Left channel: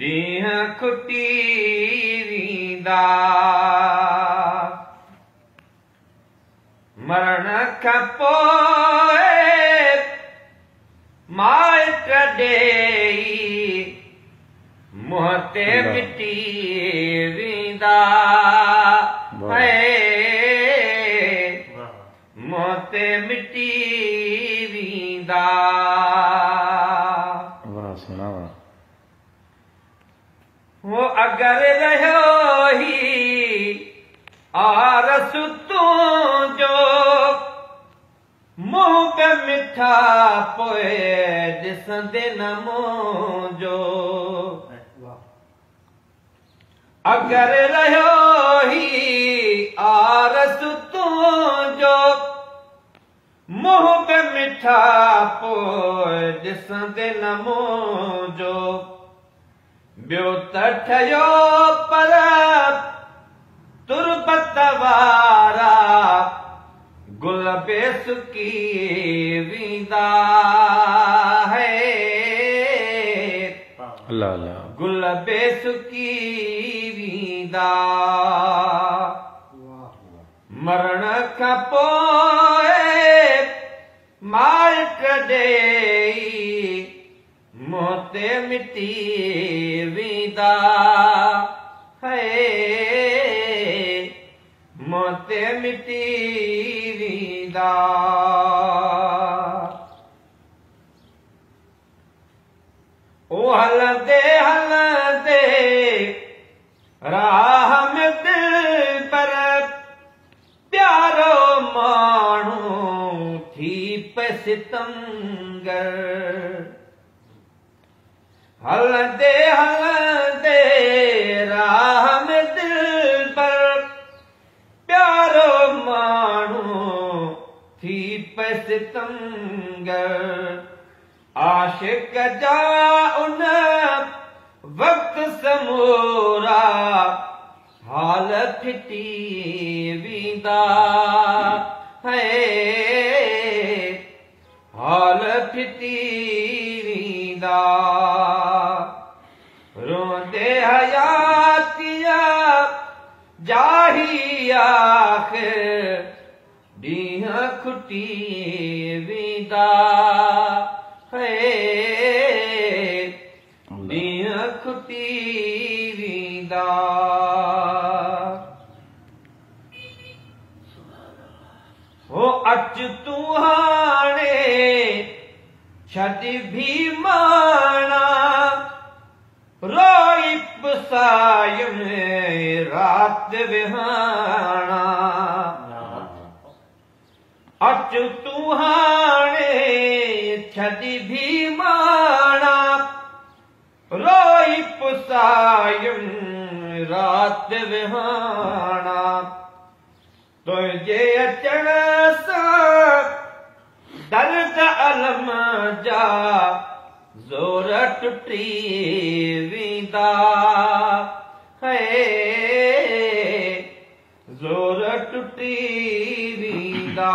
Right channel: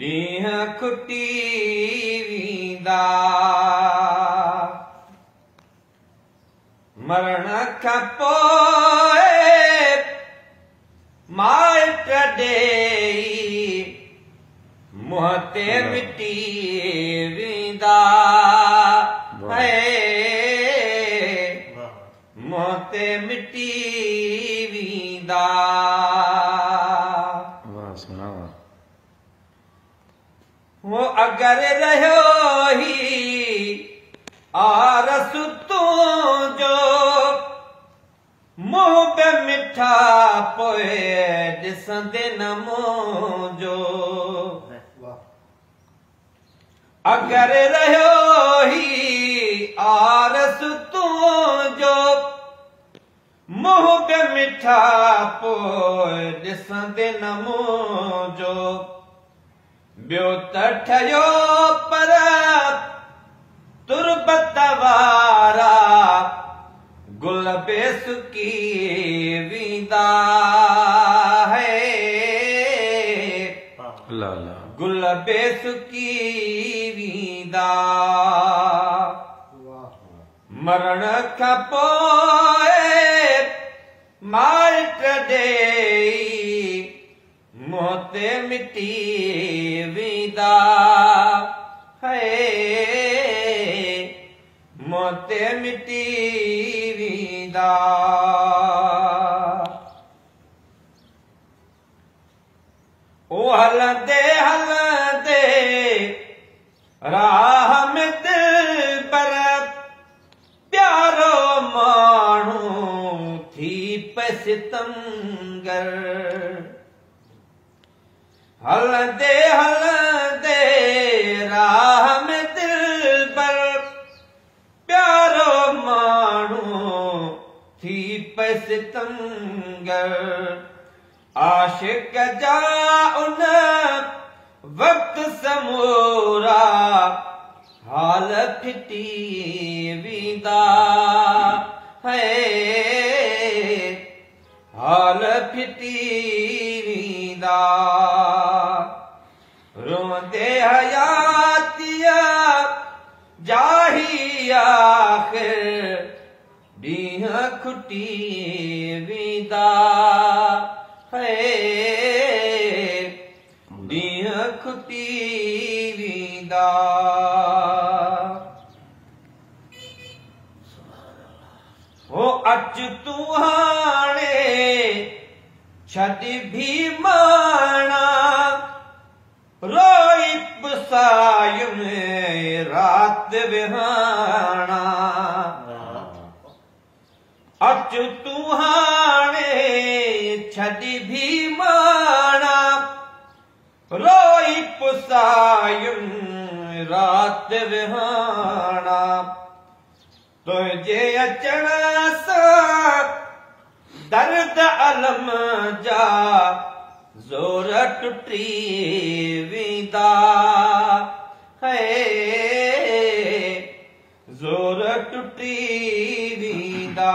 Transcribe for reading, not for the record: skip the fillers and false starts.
ॾींहं खुटी वेंदा मरण खां पोइ माइट ॾेई मुंहं ते मिटी वेंदा मुंहं ते मिटी वेंदा वो अगरि रहियो ही आरस तुंहिंजो मुंहुं पे मिठा पोइ ॾिसंदे न मुंहिंजो अगरि रहियो ही आरस तुंहिंजो मुंहुं पे मिठा पोइ ॾिसंदे न मुंहिंजो ॿियो त ठहियो पर तुरबत वारा गुल बे सुकी वेंदा गुल बे सुकी वेंदा मरण खां पोइ माइट ॾेई मुंहं ते मिटी वेंदा मुंहं ते मिटी वेंदा ओ हलंदे हलंदे राह में दिलबर प्यारो माण्हू थी पे सितमगर हलंदे हलंदे राह में दिलबर प्यारो माण्हू थी पे सितमगर आशिक जा उन वक्त समूरा हाल फिटी वेंदा हाल फिटी वेंदा रोंदे हयातिया जाही आख़िर ॾींहं खुटी वेंदा ॾींहं खुटी वेंदा हो अच तूं हाणे छॾ भी माना रोई पुसायुम रात विहाना अच तूं हाणे छॾ भी माना रोई पुसायुम रात विहाना तुंहिंजे अचण सां दर्द अलम जा ज़ोर टुटी वेंदा ज़ोर टुटी वेंदा